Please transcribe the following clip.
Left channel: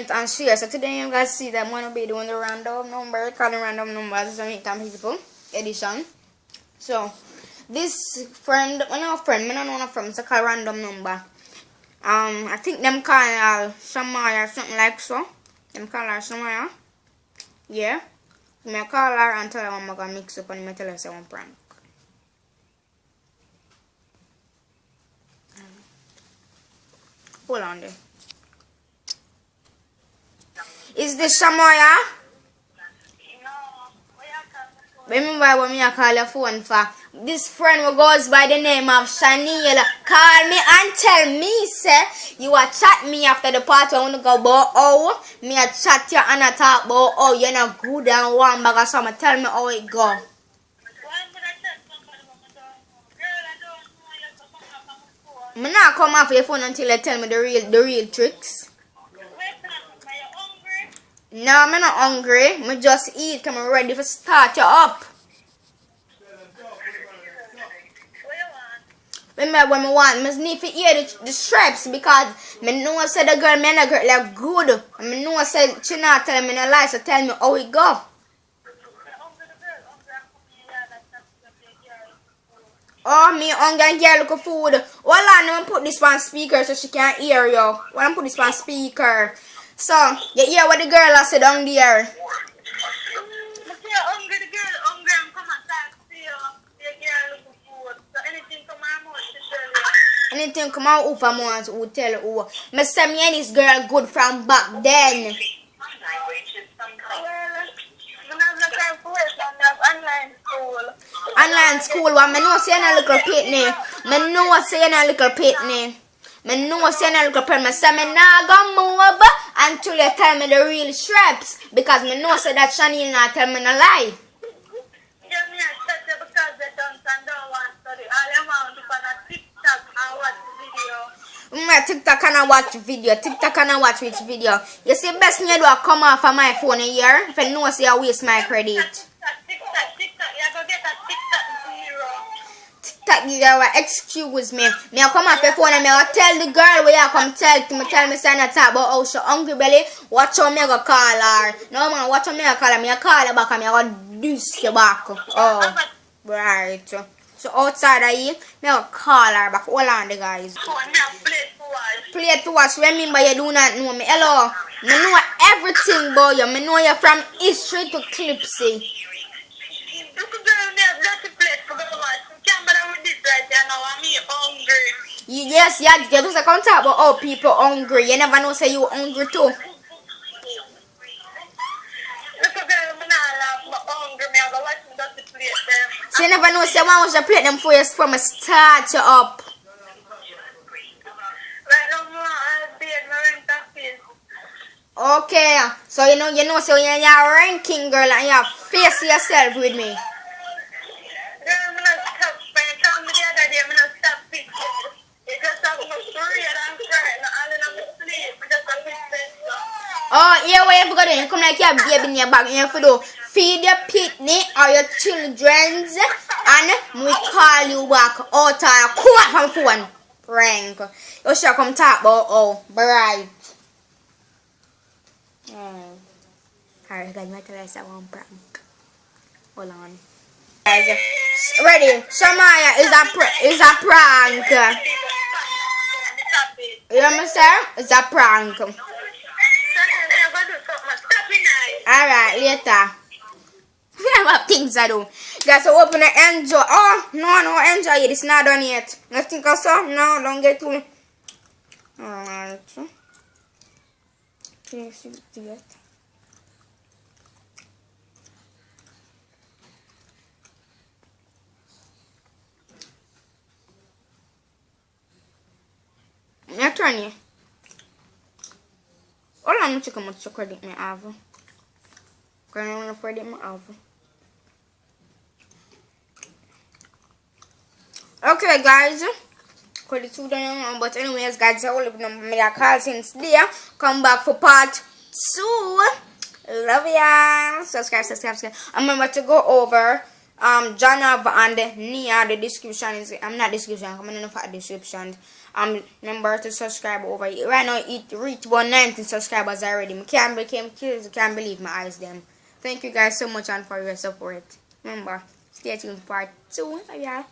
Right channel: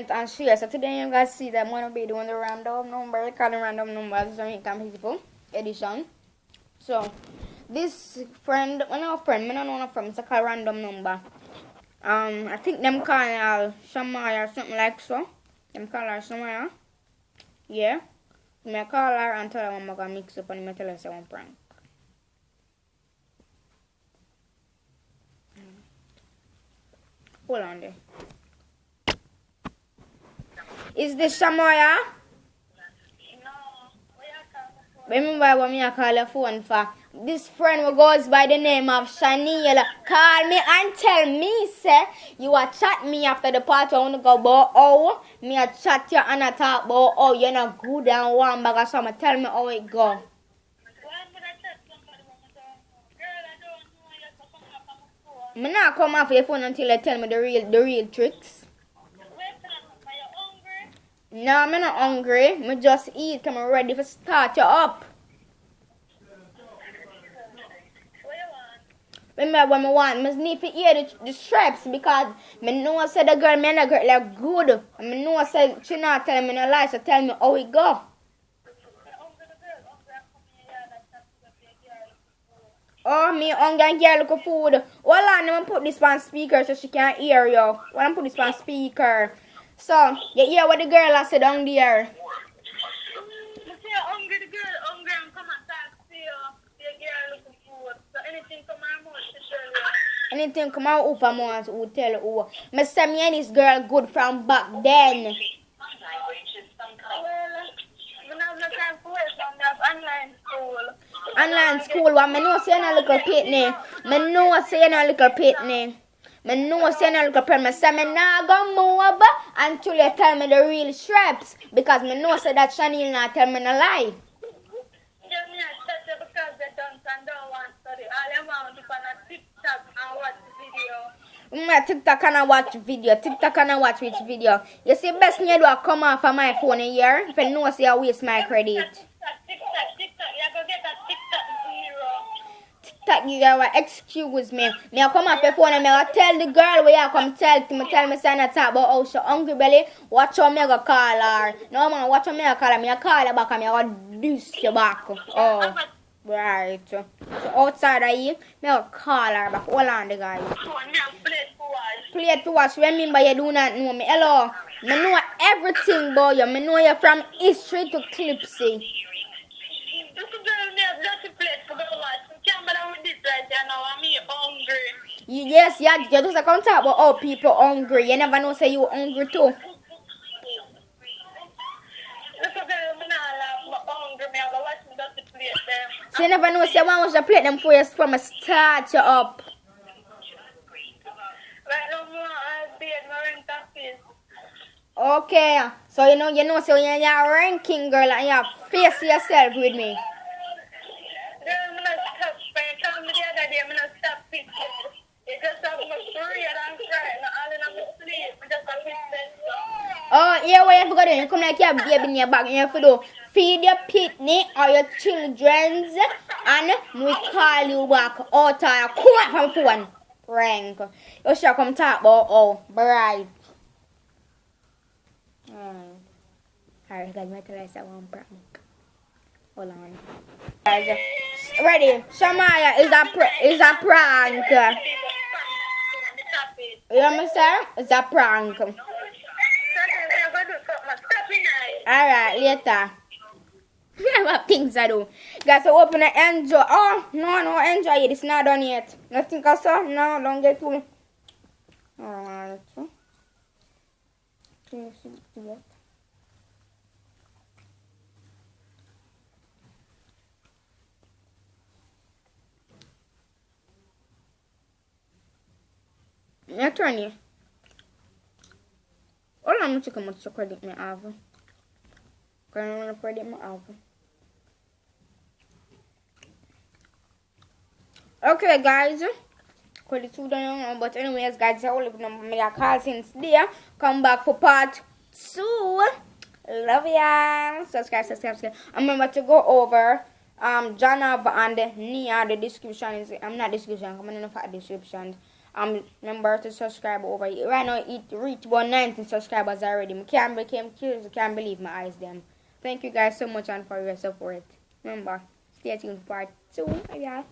comment, and share. So today you guys see that I'm gonna be doing the random number, calling random numbers, so make time people edition. So this friend, I know a friend, so call random number. I think them call her Shamaya, something like so. Them call her Shamaya. Yeah. I'm gonna call her and tell her I'm gonna mix up and I'm gonna tell her say one prank. Hold on there. Is this Shamaya? No. Remember what me I call your phone for? This friend who goes by the name of Shaniel call me and tell me, say, you a chat me after the party. I want to go about oh, me a chat you and I talk about oh, you're not good and one bag of something. Tell me how it go. Me not come off your phone until you tell me the real tricks. No, I'm not hungry. Me just eat. I'm ready to start you up. Remember when I want, I need to hear the straps because I know I said the girl, man, the girl look good. I know I said she not telling me no lie, so tell me how it go. Oh, me hungry and girl look food. Hold on, let me put this on speaker so she can't hear you. When I put this on speaker. So, you hear what the girl has said down there. Anything come out of months who tell who. Me say me and this girl good from back then. Online school, what me know say you a little pitney. Me know say you a little pitney. Me know say you a little pitney. Me say me nah go move until you tell me the real straps. Because me know say that Shaniel not tell me no lie. TikTok and I watch video. TikTok and I watch which video. You see, best me do I come off of my phone here. If I know say I waste my credit. TikTok give you excuse me. Me I come off the phone and me I tell the girl where I come tell me say not talk about how she hungry belly. Watch how me go call her. No man, watch how me go call her. Me I call her back and me I go deuce you back. Oh. Right. So outside of here, me I go call her back. Hold on the guys. Play it to watch. Remember you do not know me. Hello. Me know everything about you. Me know you from history to Clipsy. Yes, yeah, you just come talk about how people hungry. You never know say you hungry too. So you never know say one was to plate them for you from a start you up. Okay, so you know, so you're a ranking girl and you face yourself with me. Oh, yeah, what you got to come like you have baby in your bag, you have to do feed your pitney or your children's and we call you back out of come from phone. Prank. You should come talk about oh, bright. Alright guys, my tell us one prank. Hold on. Guys, ready? Shamaya is a prank. You understand? It's a prank. Alright, later. I have things I do. Guys, so open and enjoy. Oh, no, enjoy it. It's not done yet. Nothing I saw? No, don't get to me. Alright. Okay, see it. I'm trying to. All I'm going to come to credit me have. Because I want to credit me have. Okay, guys. Credit to them, but anyways, guys, I will leave them me a call since there. Come back for part 2. Love ya. Subscribe. And remember to go over Janav and Nia. The description is not description. I'm gonna for description. Remember to subscribe over here. Right now it reached 119 subscribers already. I can't believe my eyes them. Thank you guys so much and for your support. Remember, stay tuned for part 2. Bye, y'all.